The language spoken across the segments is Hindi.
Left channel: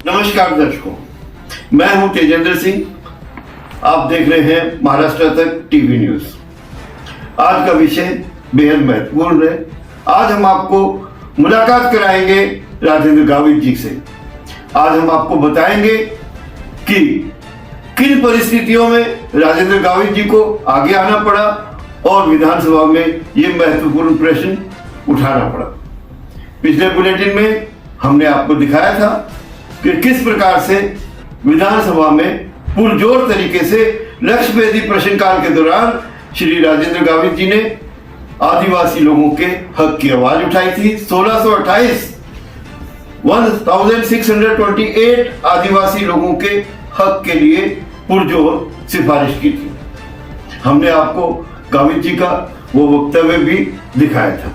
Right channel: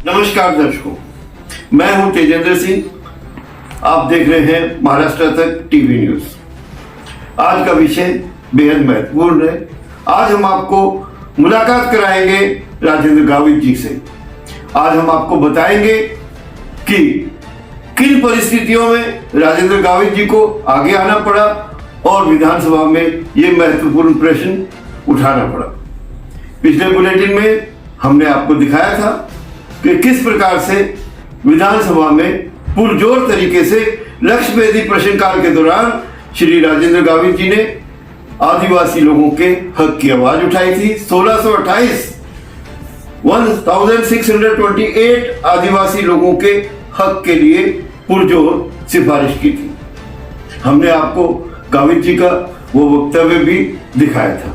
नमस्कार दर्शकों, मैं हूं तेजेंद्र सिंह। आप देख रहे हैं महाराष्ट्र तक टीवी न्यूज। आज का विषय बेहद महत्वपूर्ण है। आज हम आपको मुलाकात कराएंगे राजेंद्र गावित जी से। आज हम आपको बताएंगे कि किन परिस्थितियों में राजेंद्र गावित जी को आगे आना पड़ा और विधानसभा में ये महत्वपूर्ण प्रश्न उठाना पड़ा। पिछले बुलेटिन में हमने आपको दिखाया था कि किस प्रकार से विधानसभा में पुरजोर तरीके से लक्ष्यभेदी प्रश्नकाल के दौरान श्री राजेंद्र गावित जी ने आदिवासी लोगों के हक की आवाज उठाई थी। 1628 आदिवासी लोगों के हक के लिए पुरजोर सिफारिश की थी। हमने आपको गावित जी का वो वक्तव्य भी दिखाया था।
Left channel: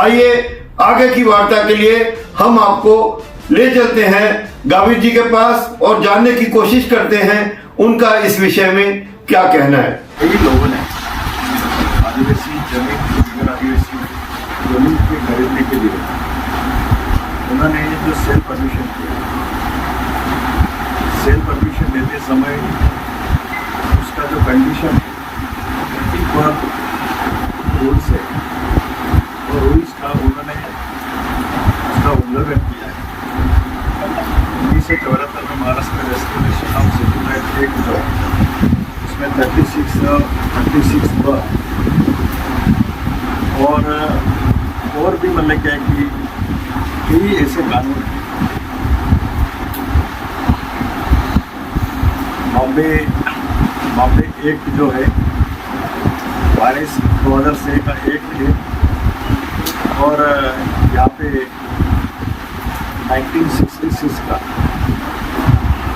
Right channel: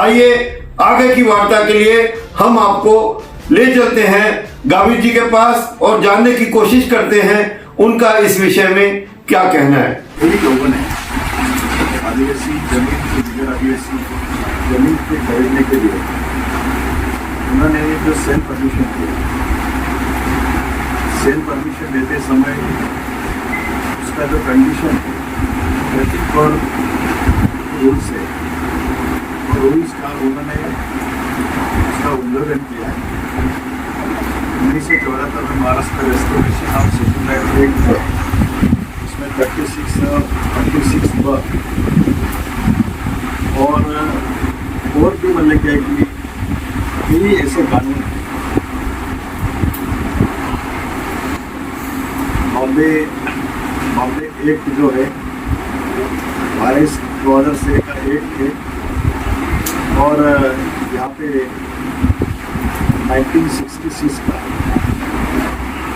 आइए आगे की वार्ता के लिए हम आपको ले चलते हैं गावित जी के पास और जानने की कोशिश करते हैं उनका इस विषय में क्या कहना है। कई लोगों ने आदिवासी आदिवासी जमीन पे खरीदने के लिए उन्होंने जो सेल परमिशन किया, सेल परमिशन देते समय उसका जो कंडीशन नथिंग फॉर रूल्स है, और रूल्स का उन्होंने उसका उल्लंघन किया है। 1974 में Maharashtra restoration of settlement act है, उसमें 36 और भी मतलब क्या है कि कई ऐसे कानून हैं। बॉम्बे एक्ट जो है 2006 का एक्ट है, और यहाँ पे 1966 का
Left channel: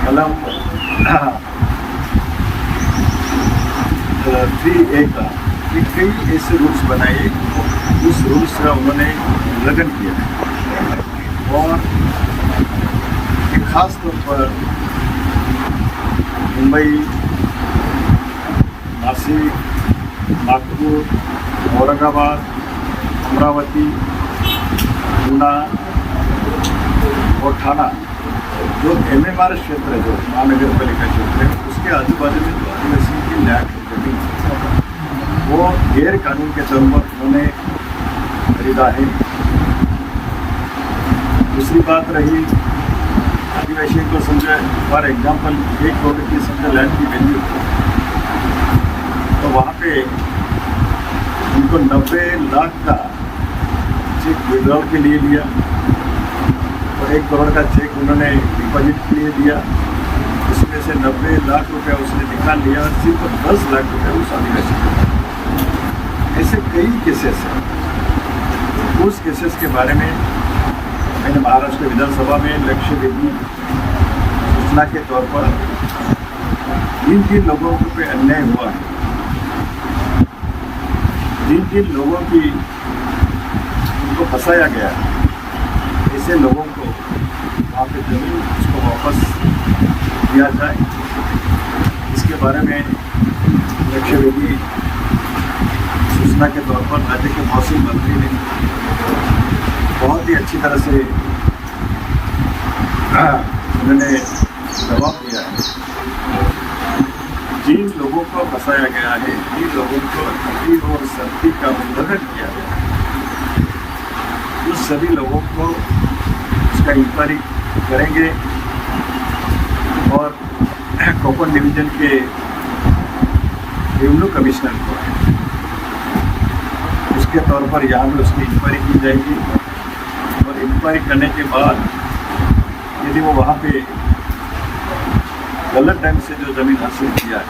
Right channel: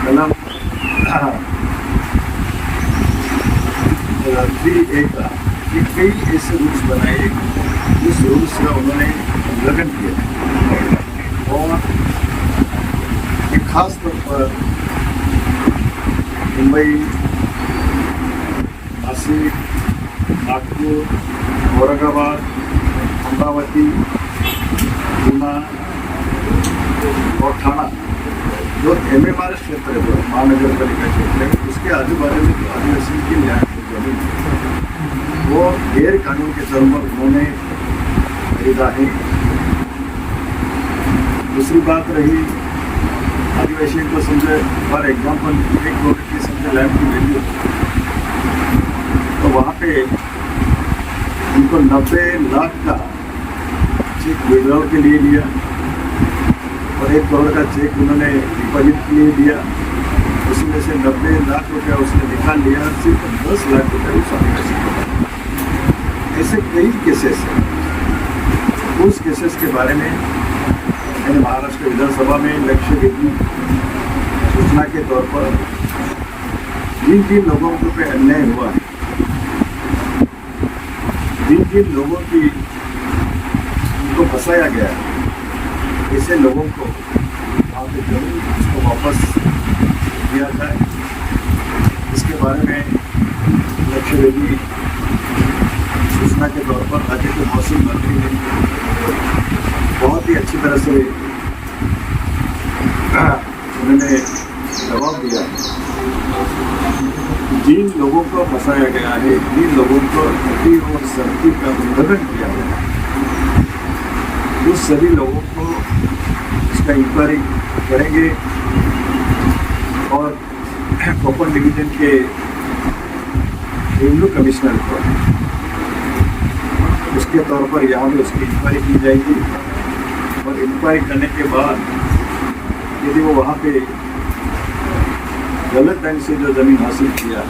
कलम 3A का कई ऐसे रूल्स बनाए, उस रूल्स का उन्होंने उल्लंघन किया और एक खास तौर पर मुंबई, नासिक, नागपुर, औरंगाबाद, अमरावती, पूना और थाना जो MMR क्षेत्र है, जो महानगर पालिका क्षेत्र है, उसके आजू बाजू में जो आदिवासी की न्याय जमीन वो गैर कानून के तौर पर उन्होंने खरीदा है। दूसरी बात रही आदिवासी को समझे, फॉर एग्जाम्पल 1 करोड़ की समझे लैंड की वैल्यू, तो वहाँ पे उनको 90 लाख का चेक विड्रॉल के लिए लिया और 1 करोड़ का चेक उन्होंने डिपॉजिट के लिए दिया। उसमें से 90 लाख रुपया उसने निकाल लिया और सिर्फ 10 लाख रुपया उस आदिवासी को। ऐसे कई केसेस हैं। उस केसेस के बारे में मैंने महाराष्ट्र विधानसभा में लक्ष्यभेदी सूचना के तौर पर जिन लोगों पे अन्याय हुआ है, जिन लोगों की उनको फंसाया गया है, ऐसे लोगों को आप जमीन उसको वापस दिया जाए, इसके बारे में लक्ष्यभेदी सूचना के तौर पर राज्य के महसूल मंत्री ने बहुत ही अच्छी तरह से उन्होंने जवाब दिया है। जिन लोगों को फंसाया गया है, जिन लोगों को नीति और शर्ती का उल्लंघन किया गया है, उस सभी लोगों को उसका इंक्वायरी करेंगे और कोकण डिवीजन के रेवेन्यू कमिश्नर को उसके तौर पर यहाँ पे उसकी इंक्वायरी की जाएगी, और इंक्वायरी करने के बाद यदि वो वहाँ पे गलत ढंग से जो ज़मीन हासिल किया है,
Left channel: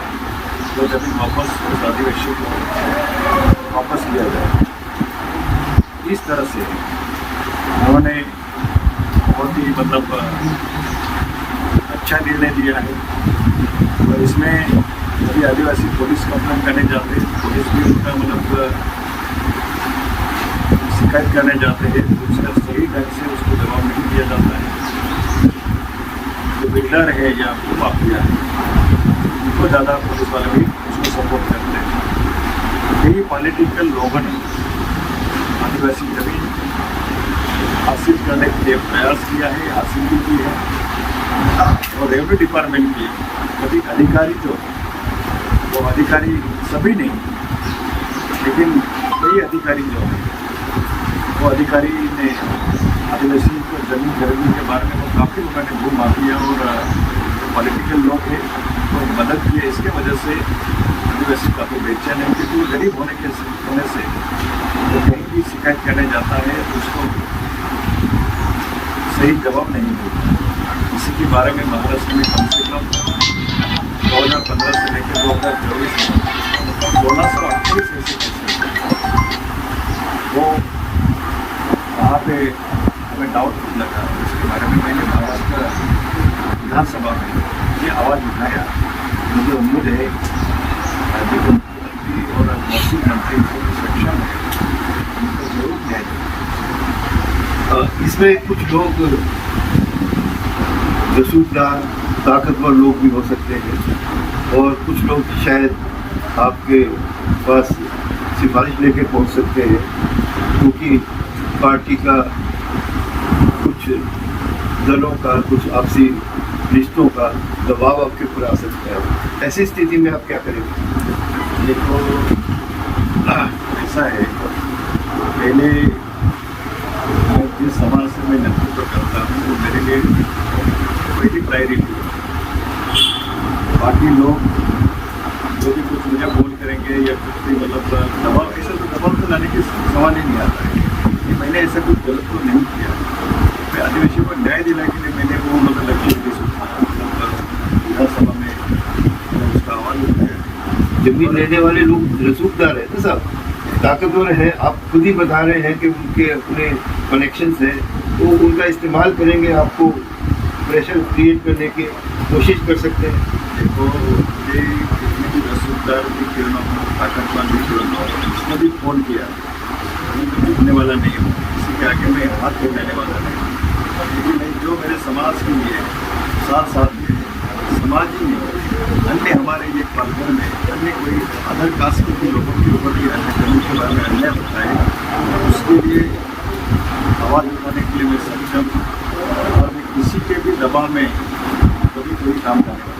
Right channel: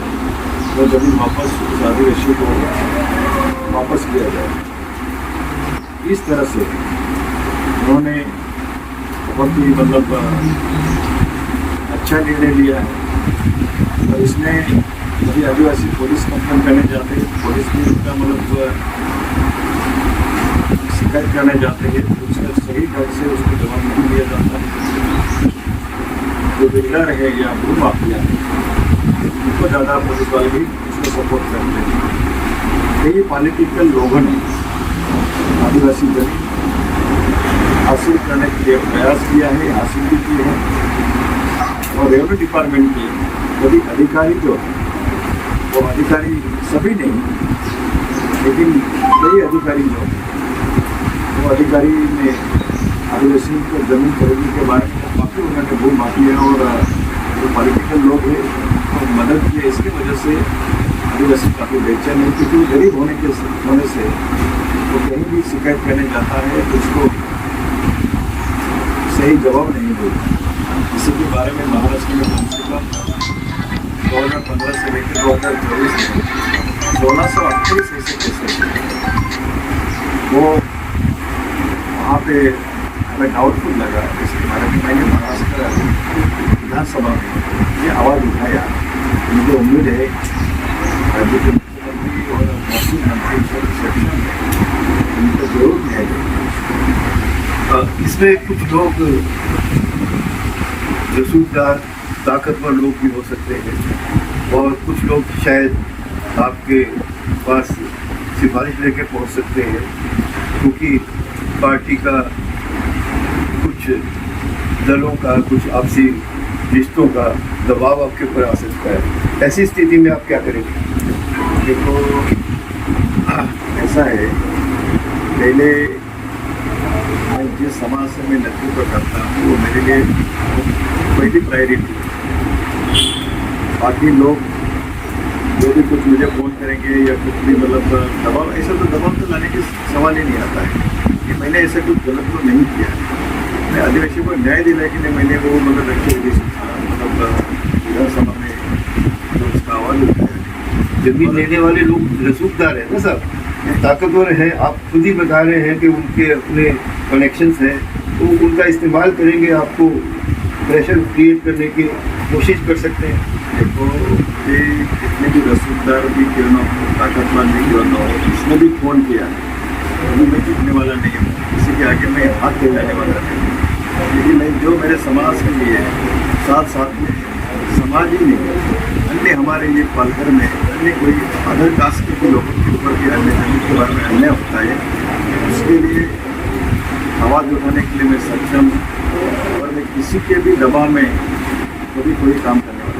वो ज़मीन वापस उस आदिवासी को वापस किया जाए। इस तरह से उन्होंने बहुत ही मतलब अच्छा निर्णय लिया है। और इसमें यदि आदिवासी पुलिस कंप्लेन करने जाते हैं, पुलिस भी उनका मतलब शिकायत करने जाते हैं, तो उसका सही ढंग से उसको जवाब नहीं दिया जाता है। जो बिल्डर है या भू माफिया है, उनको ज़्यादा पुलिस वाले भी उसको सपोर्ट करते हैं। कई पॉलिटिकल लोगों ने आदिवासी जमीन हासिल करने के लिए प्रयास किया है, हासिल भी की है। और रेवेन्यू डिपार्टमेंट के सभी अधिकारी जो हैं, वो अधिकारी सभी नहीं, लेकिन कई अधिकारी जो हैं, वो अधिकारी ने आदिवासी को जमीन खरीदने के बारे में काफ़ी उन्होंने भू माफिया और जो पॉलिटिकल लोग हैं तो मदद की है। इसके वजह से आदिवासी काफ़ी बेचैन है, क्योंकि वो गरीब होने से वो कहीं भी शिकायत करने जाता है तो उसको सही जवाब नहीं मिलता। इसी के बारे में महाराष्ट्र में कम से कम 2015 से लेकर 2024 में 1628 ऐसे केसेस वो वहाँ पे हमें डाउटफुल लगा। इसके बारे में मैंने महाराष्ट्र विधानसभा में ये आवाज़ उठाया। मुझे उम्मीद है राज्य के मुख्यमंत्री और महसूस मंत्री शिक्षा में उनको जरूर न्याय देंगे। इसमें कुछ लोग रसूखदार ताकतवर लोग भी हो सकते हैं और कुछ लोग शायद आपके पास सिफारिश लेके पहुंच सकते हैं, क्योंकि पार्टी का कुछ दलों का कुछ आपसी रिश्तों का दबाव आपके ऊपर आ सकता है। ऐसी स्थिति में आप क्या करेंगे? देखो, ऐसा है, पहले मैं जिस समाज से मैं नेतृत्व करता हूँ वो मेरे लिए पहली प्रायोरिटी है। बाकी लोग जो भी कुछ मुझे फोन करेंगे या कुछ भी मतलब दबाव, ऐसा तो दबाव तो लाने की सवाल ही नहीं आता है कि मैंने ऐसा कुछ गलत तो नहीं किया। मैं आदिवासियों को न्याय दिलाने के लिए मैंने वो मतलब लक्ष्य मतलब विधानसभा में उसका आवाज़ उठाया। जमीन लेने वाले लोग रसूखदार हैं ना साहब, ताकतवर हैं। आप खुद ही बता रहे हैं कि उनके अपने कनेक्शंस हैं, तो उनका इस्तेमाल करेंगे, आपको प्रेशर क्रिएट करने की कोशिश कर सकते हैं। देखो, ये जितने भी रसूखदार भी क्यों ना हो, ताकतवर नहीं क्यों ना हो, उसने भी फ़ोन किया। मैं जीतने वाला नहीं हूँ, किसी के आगे मैं हाथ फैलाने वाला नहीं हूँ, लेकिन मैं जो मेरे समाज के लिए साथ साथ में समाज ही नहीं, अन्य हमारे ये पालघर में अन्य कोई अदर कास्ट के लोगों के ऊपर भी अन्य जमीन के बारे में अन्याय होता है, उसके लिए आवाज़ उठाने के लिए मैं सक्षम हूँ और मैं किसी के भी दबाव में कभी कोई काम करने वाला